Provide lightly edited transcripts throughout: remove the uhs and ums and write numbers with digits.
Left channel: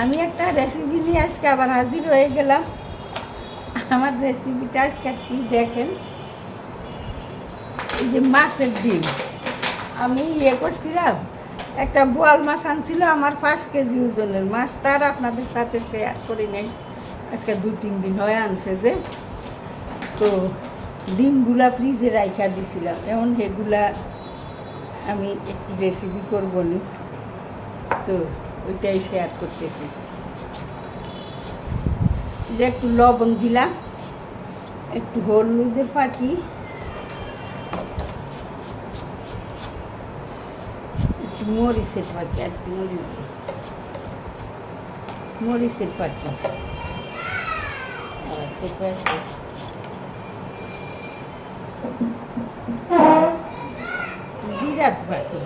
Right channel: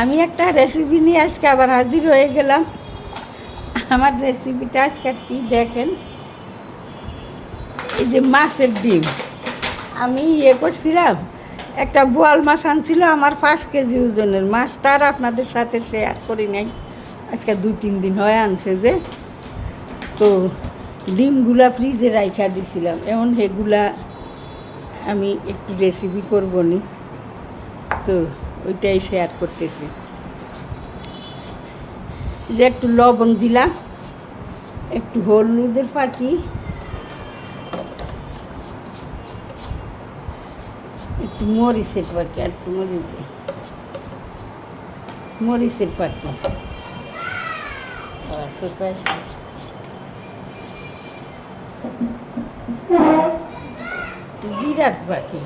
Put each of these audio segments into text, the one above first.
আমি একটা রেসিপি নিয়ে আজকে আবার হাজির হয়ে গেলাম। আমার রেসিপিটা আজকে কি দেখেন, এই যে মাছের ডিম আমি করছিলাম। একটা বোয়াল মাছ আনছিল আমার 5 কেজি ওজনের মাছটা, আর আপনাদের সাথে শেয়ার করি নাই। আজকে 2-3 দিন হয় আনছে যে, তো ডিমগুলা ফ্রিজে রাখা দিছিলাম। এখন সেগুলা আমি একটু রেসিপি করবো নি, তো ওইটাই শেয়ার করতেছি। যে একটু লবণ দিলাম, একটু হলুদের পাতি, একটু মরিচের পাতি, আর একটু মরিচের পাতি, জিরার পাতি,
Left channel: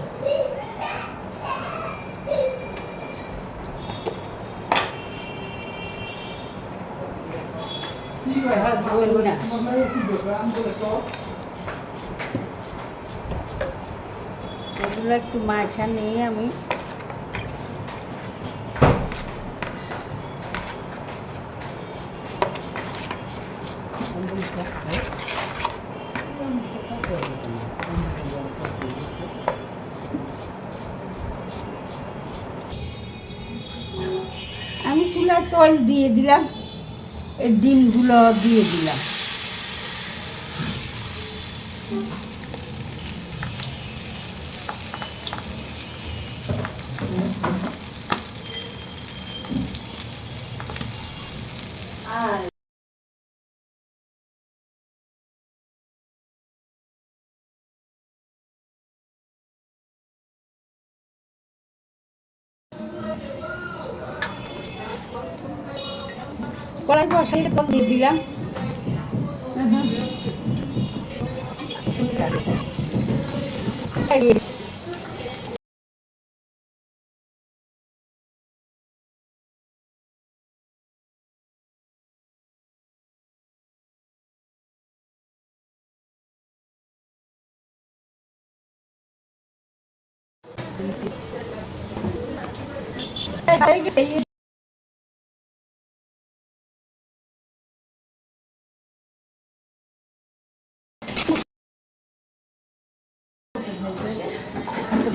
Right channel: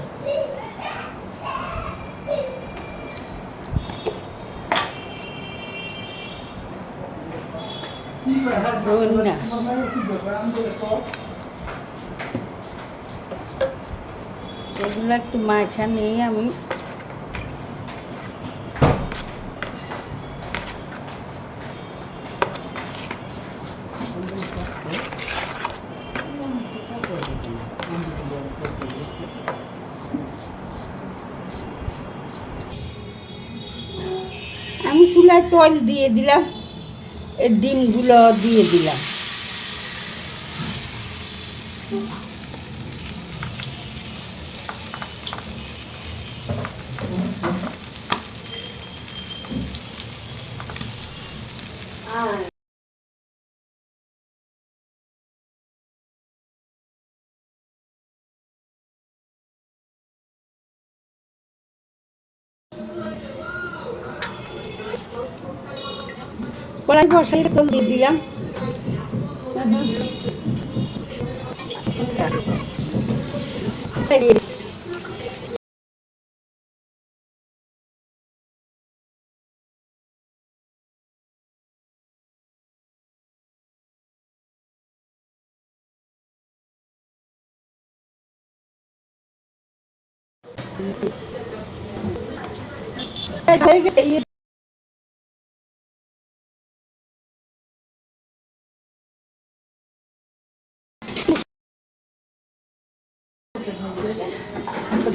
এগুলো একটু মাখা নিয়ে আমি চুলায় তেল দিয়ে দিলাম, এই ডিমগুলো দিয়ে দিলাম। কড়াই বসাই তেল দিয়ে দিলাম।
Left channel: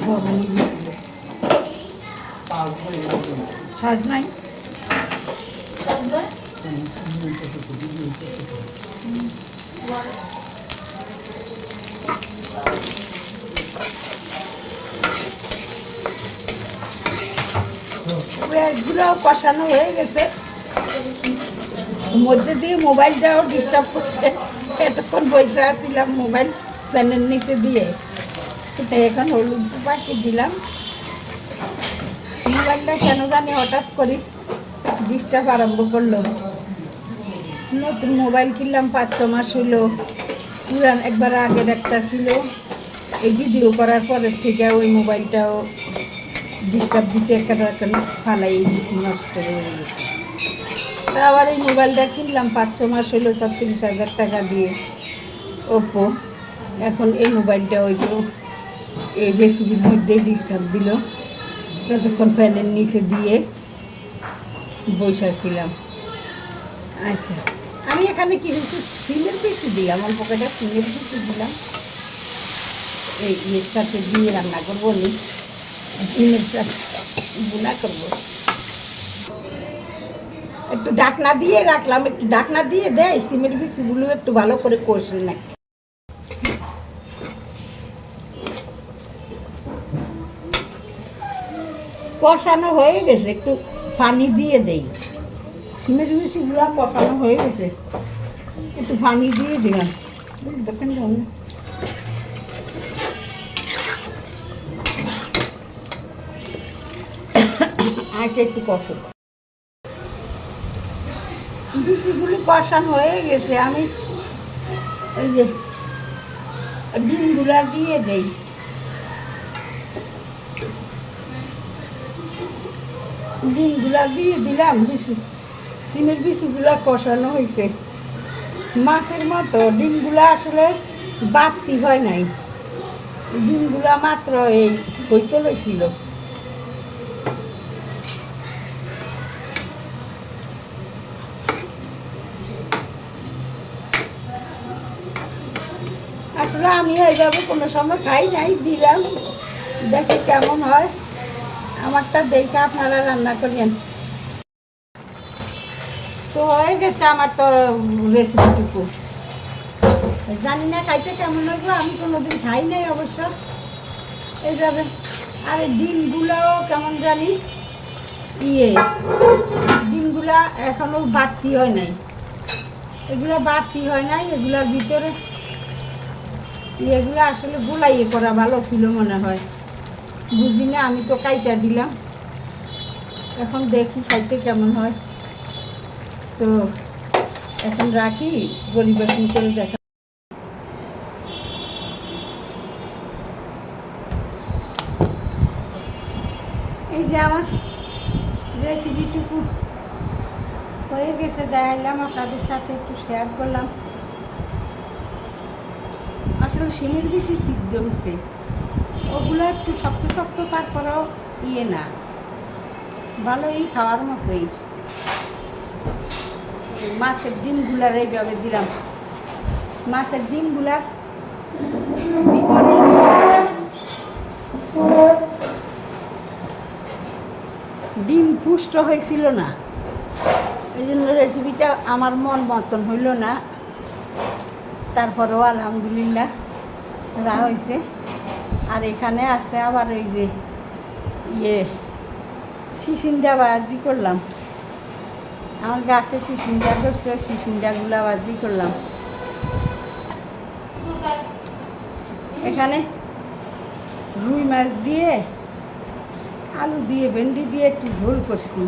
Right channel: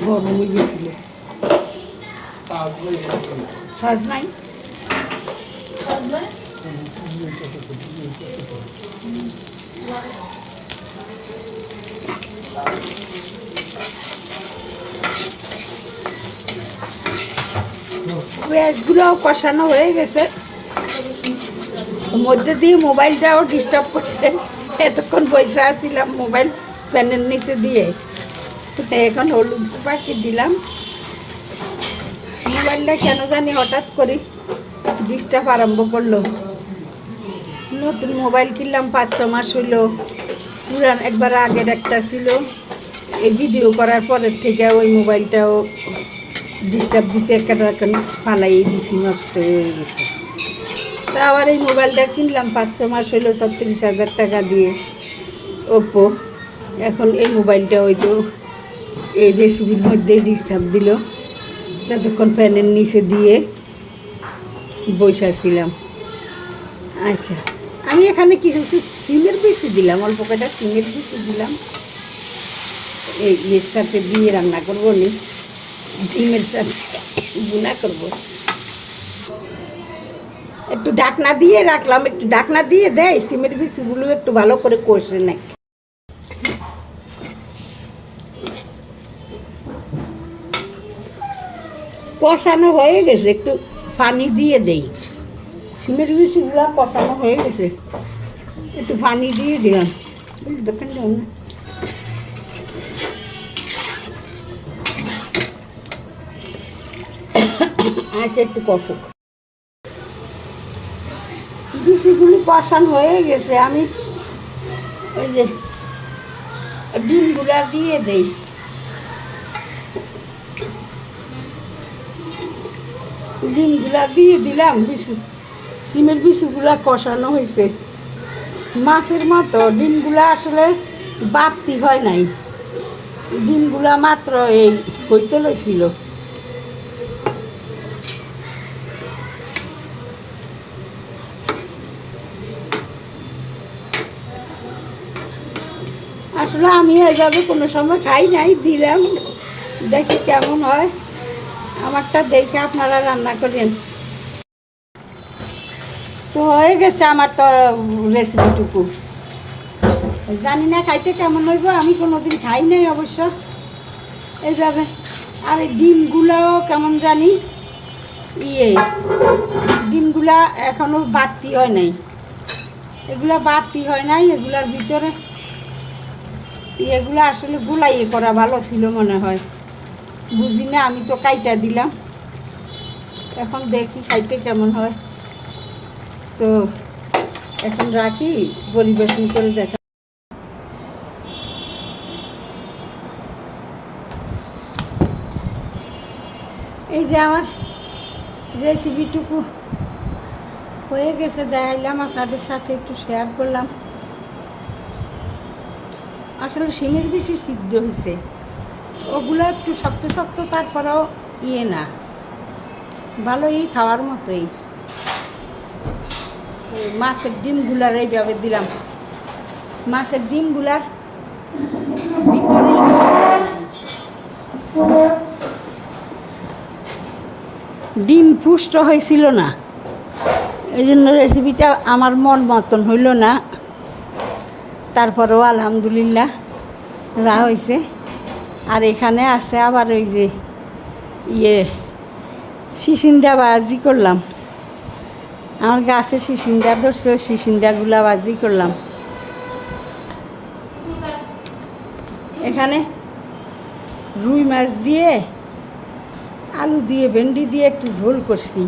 গরম হয়ে গেছিল, সহজ নাই। পেঁয়াজগুলোও কষানো হয়ে গেছে, মধ্যে দিয়ে মোবাইলটাও ডিস্টার্ব করছে। এতক্ষণ বসে আসছিলাম মোবাইল প্যানের নিচে দিয়ে, এখন হলুদ পাখি দিলাম। মোবাইলটা কেন জানি হঠাৎ করে ডিস্টার্ব আরম্ভ করলো। নতুন মোবাইল কিনলাম, 5-6 মাস হইলো। পুরান একবার আগের একটা ছিল, এই ভিডিও করার পরের থেকে ওই মোবাইলটাও ডিস্টার্ব দিতে একটা ফালাই দিছি, নষ্ট হয়ে গেছে। তা আবার এই মোবাইলটা কিনলাম 5-6 মাস হইলো, 36,000 টাকা দিয়ে, ওপো। এখন এই মোবাইলটা ওই তো এই রেসিপির মধ্যে ডিস্টার্ব দিল, যতক্ষণ ফ্যানের নিচে দিয়ে বসেছিলাম। আচ্ছা, আমি এখানে কিছু সিমের পিসি দিলাম, অল্প কটা সিমের পিসি দিলাম। এর সাথে দিয়ে রান্না করবো নি, ডিমের সাথে বুনা করবো। একটু ঢাকনা দিয়ে রাখলাম, একটু ঢাকনা দিয়ে দেয় সিমের পিসিগুলো একটু ভালো করে কষে নেয়। কষানো হয়ে গেছে, একটু পানি দিয়ে দেই। সিমের পিসিগুলো কষানো হয়ে গেছে, একটু পানি দিয়ে দিলাম। দেখেন আচ্ছা, একটু কষো। পিসিগুলি কষানো হয়ে গেছে, আমি ওই যে ডিমগুলা দিয়ে দেই। ডিমগুলা দিয়ে দিলাম, সিমের পিসিগুলা কষানো হয়েছে। মাছের মতো ডিমগুলা আসলে বাড়তি হয় নাই, ডিমগুলা মাত্র এই হইতে লইছিল। আসলে আমি এইভাবে কোনো সময় খাই নাই, দিলাম দেখি কেমন হয়। আমারটা দেখে আপনারা রান্না করেন। তো হয়ে গেছে আমার তো রেসিপিটুকু। জানি না খাইতে কেমন হইব, আমি কোনোদিন খাই নাই অবশ্য এইভাবে। আর এই ডিমগুলো কেমন জানি ডিমগুলা এখনো বাড়তি হয় নাই, এগুলা বাড়তি হয় নাই। এগুলার ভিতরে এগুলো আসলে গুলাইয়ে করা ভালো ছিল মনে হয়, বুঝি না। আমি তো কাইটা দিলাম, এখন দেখি খাইতে কেমন হয়। তো এখন রাখি, পরিবেশন করে দেখা। এই যে আমার রেসিপিটুকু হয়ে গেছে, দেখাইলাম আপনাদের সাথে, একটু শেয়ার করলাম। আসলে শিমের বেশি সিদ্ধ হয়েছে, ওগুলো একটু শক্ত শক্ত, তারপরেও না ভালোই খাওয়ার মতোই। মাছের ডিমগুলার এইভাবে দিলাম, মাছের ডিমগুলার ভিতরে ডিম পুষ্ট হয়েছিল না, এই জন্য রেসিপিটা আমার মন মতন হইল না। তারপরেও আলহামদুলিল্লাহ যা হয়েছে। আর এখানে আছে আবার ওই যে শিশিন্দা ভাজি করলাম, আমার গাছে শিশিন্দা ধরছে, শিশিন্দাগুলা ভাজি করলাম। এখানে রুই মাছ দিয়ে, আলু দিয়ে, ভেন্ডি দিয়ে একটু ঝোল করছি।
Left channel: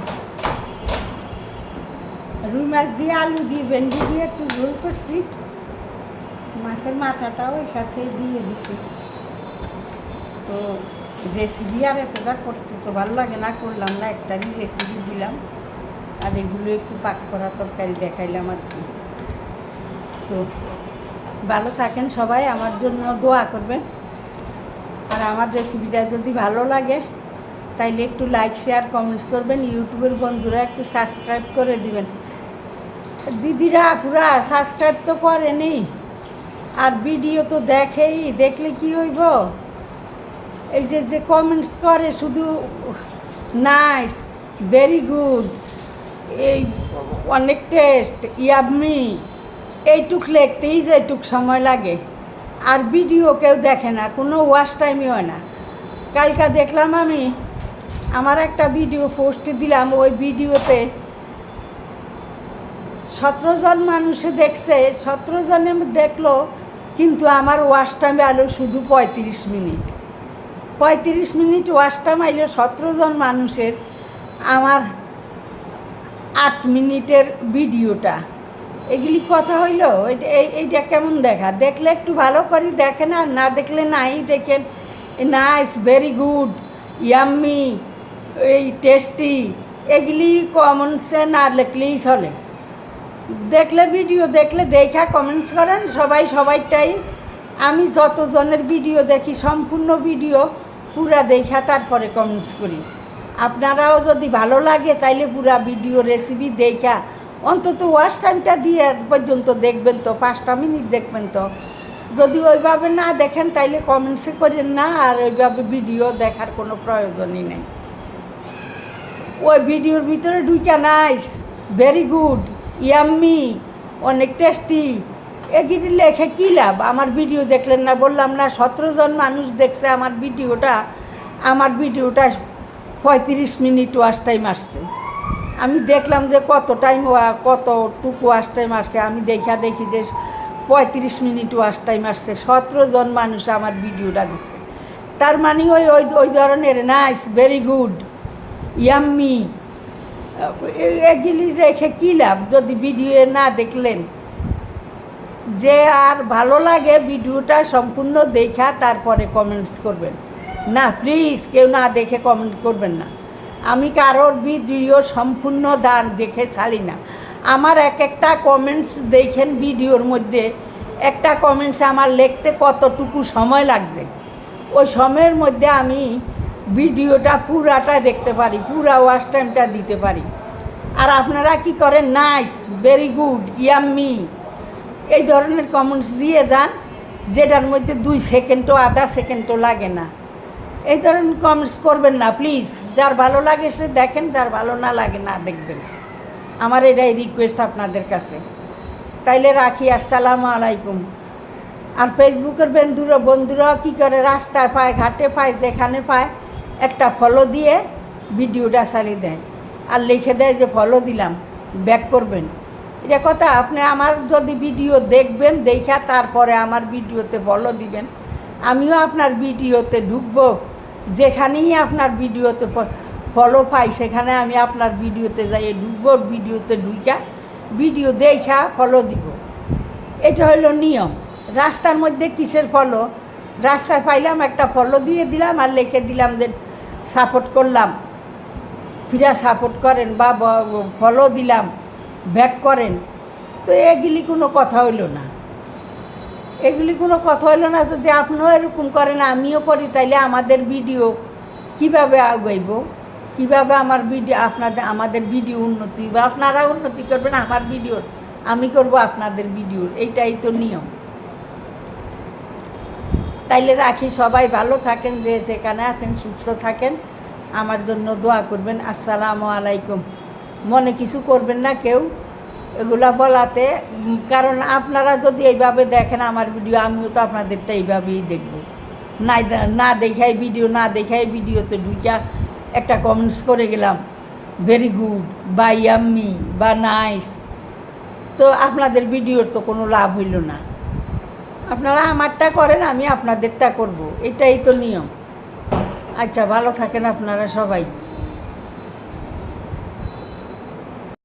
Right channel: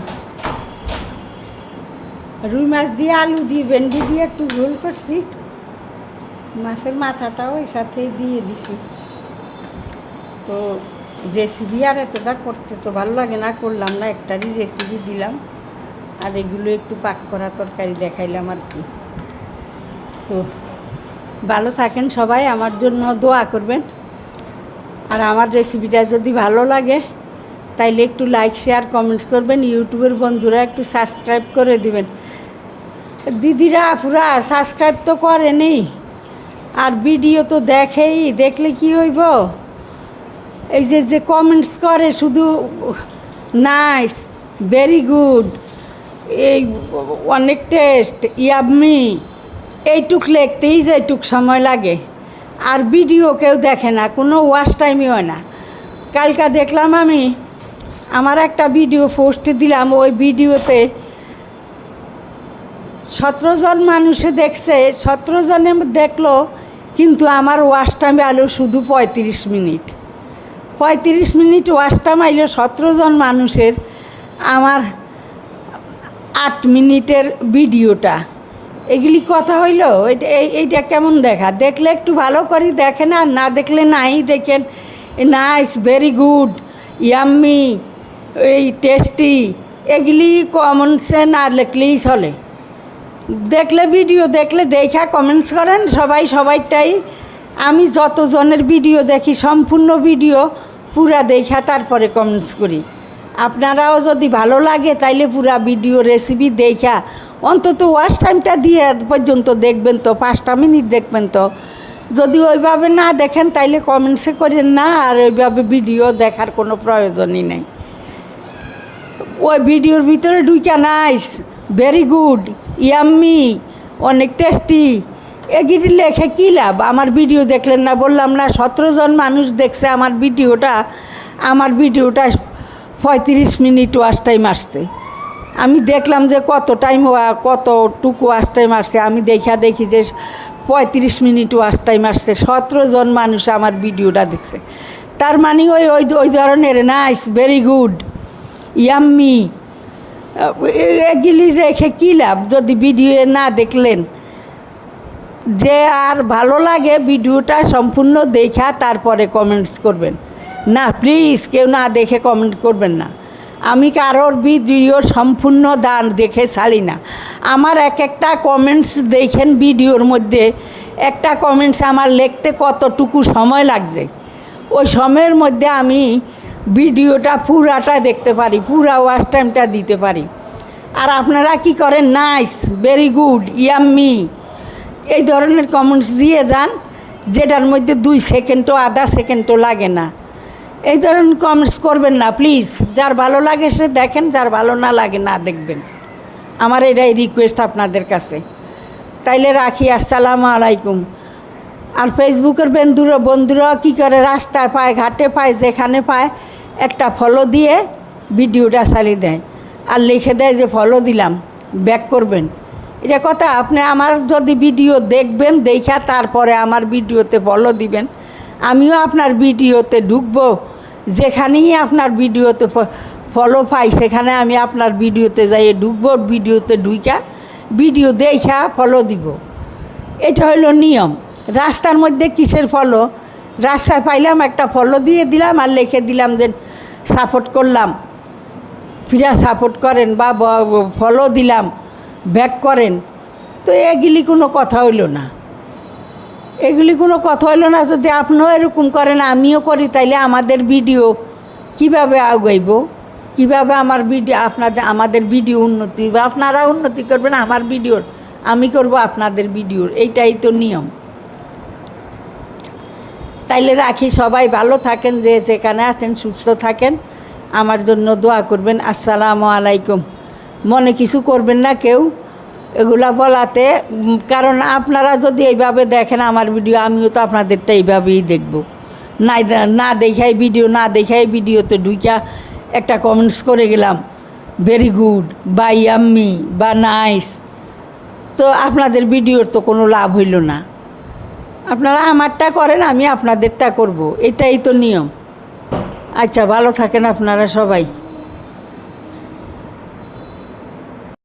রুই মাছ দিয়ে, আলু দিয়ে, ভেন্ডি দিয়ে একটু ঝোল করছি। মাছের মাথাটাও ওই সাথে দিয়ে দিছি। তো রেসিপি আর এতটা করতে তো ভালো লাগে না, করলাম না, একটারই রেসিপি দিলাম। আর এগুলো একটু পাক করা তরকারি দেখাইলাম আর কি। তো ভালো থাকেন সবাই, আমার জন্য দোয়া করবেন। আর আমার রেসিপিটা যদি ভালো লাগে তাইলে একটু লাইক, শেয়ার, কমেন্টস করবেন। ইউটিউবের বন্ধুরা একটু সাবস্ক্রাইব করে দিবেন। দিদিরা পুরা সাবস্ক্রাইব তো করেনি, আর ভিডিও তো দেখেই, দেখলে কি হইব? এই যে কমেন্টস করে শুধু নাইস, ভেরি গুড, এই অনেক টেস্ট, ইয়াম্মি, এইটুক লিখতেই যে এইটুক সময় লাগে। আর ভিডিও কেউ দেখে না, কোনো ওয়াচ টাইমই হয় না। কালকা দেখলাম আমি, আমার একটা ভিডিও পোস্ট দিলাম, ওই ভিডিওতে 17 জন মানুষে দেখছে, 17 জনে দেখলো, কিন্তু আমার ওয়াচ টাইম আলো শুধু 35 মিনিট। 35 মিনিট ওয়াচ টাইম আইলো 17 জন মানুষের, আমার 8 মিনিটের ভিডিওটা। এগুলি কথা হইল? এইটা কেমন দেখা? দেখলে একটু ভালো করে দেখেন, আর না দেখলে নাই দেখেন। নাইস, ভেরি গুড, ইয়াম্মি, এই টেস্টি, এগুলি কমন সেন্স আর লিখলেই চলে। দেখলে ভিডিও দেখলে দেখা কমেন্টস করেন সবাই, সবাইটাই। আমি যতজনের ভিডিও দেখি, সম্পূর্ণ ভিডিও পুরা দেখা তারপরে কমেন্টস করি। আপনারাও যদি ভালো লাগে তাইলে পুরা ভিডিও রেসিপি দেখা অন্তত ওয়াচ টাইমটা দিয়ে পর্যন্ত দেখবেন, তো 5টা মিনিট দেখবেন। তো যদি ওইভাবে না দেখেন তাইলে কমেন্টসে করেন না, আর ওইভাবে ভিডিও দেখার কোনো প্রয়োজনই নেই। ওই ভিডিওর ভিতরে ঢুকা নাইস, ভেরি গুড, ইয়াম্মি, অনেক টেস্টি, এগুলি লেখে কী লাভ? আমার ভিডিও দেখলেন না, বললাম না 17 জন মানুষ দেখছে আমার ভিডিওটা। আমার ভিডিওটা 35 মিনিট ওয়াচ টাইম আসছে। আমি দেখলাম যে কতটুকু ওয়াচ টাইম আসছে। আমি দেখি যে 35 মিনিট ওয়াচ টাইম আসছে, 17 জন মানুষ আমার ভিডিওটা দেখছে। তার মানে ওই ধরনের নাইস, ভেরি গুড, ইয়াম্মি, এগুলি রেখে কী লাভ যদি ভিডিও না দেখলেন? যে আর ভালো লাগে ভিডিওটা সম্পূর্ণ দেখা তারপরে কমেন্টস করবেন না, প্লিজ কেউ না দেখে কমেন্ট করবেন না। আমি কারোর ভিডিও সম্পূর্ণ দেখে ছাড়ি না। আমার একটা কমেন্টস দেখেন, ভিডিওর মধ্যে একটা কমেন্টস আমার লিখতে কতটুকু সময় লাগছে, ওই সময়ের মধ্যে আমি ভিডিওটা পুরাটা দেখতে পারি, পুরা ওয়াচ টাইমটা দিতে পারি। আর আপনারা কি করেন? নাইস, ভেরি গুড, ইয়াম্মি, এই ধরনের কমেন্টস দিয়ে যান, যেটার মধ্যে 2 সেকেন্ডও আধা সেকেন্ডও লাগে না। এই ধরনের কমেন্টস করবেন না প্লিজ। যার ভালো লাগে সে দেখেন, যার ভালো না লাগে না দেখবেন। আমার এটাই রিকোয়েস্ট আপনাদের কাছে। তাইলে রাখি, আসসালামু আলাইকুম। আর ফেসবুকের বন্ধুরা কী করে, রাস্তায় পায়, ঘাটে পায়, যেখানে পায় একটা ফলো দিয়ে ভিডিওটা চালিয়ে দেয় আর লিখে দেয় যে ফলো দিলাম, ব্যাক করবেন। এটা কথা। আপনি আমার যদি ভিডিও দেখবেন, দেখা তারপরে আমার ভিডিওতে ফলো দিবেন। আমিও আপনার ভিডিওতে ঢুকবো, যেখানেই আপনার ভিডিওতে ফলো পাই সেখানে আমি আপনার ভিডিওতে যাই ঢুকবো, ভিডিওতে ঢুকা ভিডিও দেখা ফলো দিব। এটা হলো নিয়ম। রাস্তার মধ্যে কিসের ফলো? রাস্তায় পাইলাম একটা ফলো দিয়ে দিলাম আর লিখে দিলাম যে সাপোর্ট করলাম, ফিরা সাপোর্ট করেন, বা ফলো দিলাম, ব্যাক করেন। তো এগুলি কোনো কথা হইল না, এগুলি কোনো কথা হইলো না। যদি আপনিও এরকম করেন, আমিও করি, তাইলে আমাদের ভিডিও কিভাবে আগাইব, কিভাবে আমাদের ভিডিও উন্নতি বা আপনারা উন্নতি করবেন আমার ভিডিওর, আমি করব আপনাদের ভিডিওর। এইটাই তো নিয়ম। তাইলে রাখি, সবাই ভালো থাকেন, যে যেখানে আছেন সুস্থ থাকেন, আমার জন্য দোয়া করবেন। আসসালামু আলাইকুম। মনে কিছু করবেন না কেউ এগুলা বলাতে, কারণ আপনারা যদি এইভাবে দেখেন আমার ভিডিও, আমিও তো আপনাদেরটা এইভাবেই দেখব। না দেখাই ভিডিওতে ঢুইকা একটা কমেন্টস করে গেলাম ভেরি গুড বা ইয়াম্মি বা নাইস, তো আপনাদের ভিডিওর তো কোনো লাভ হইল না। আপনারা আমারটা করেন, আমি আপনাদেরটা করব, এটাই তো নিয়ম। আচ্ছা, ভালো থাকেন আপনারা সবাই।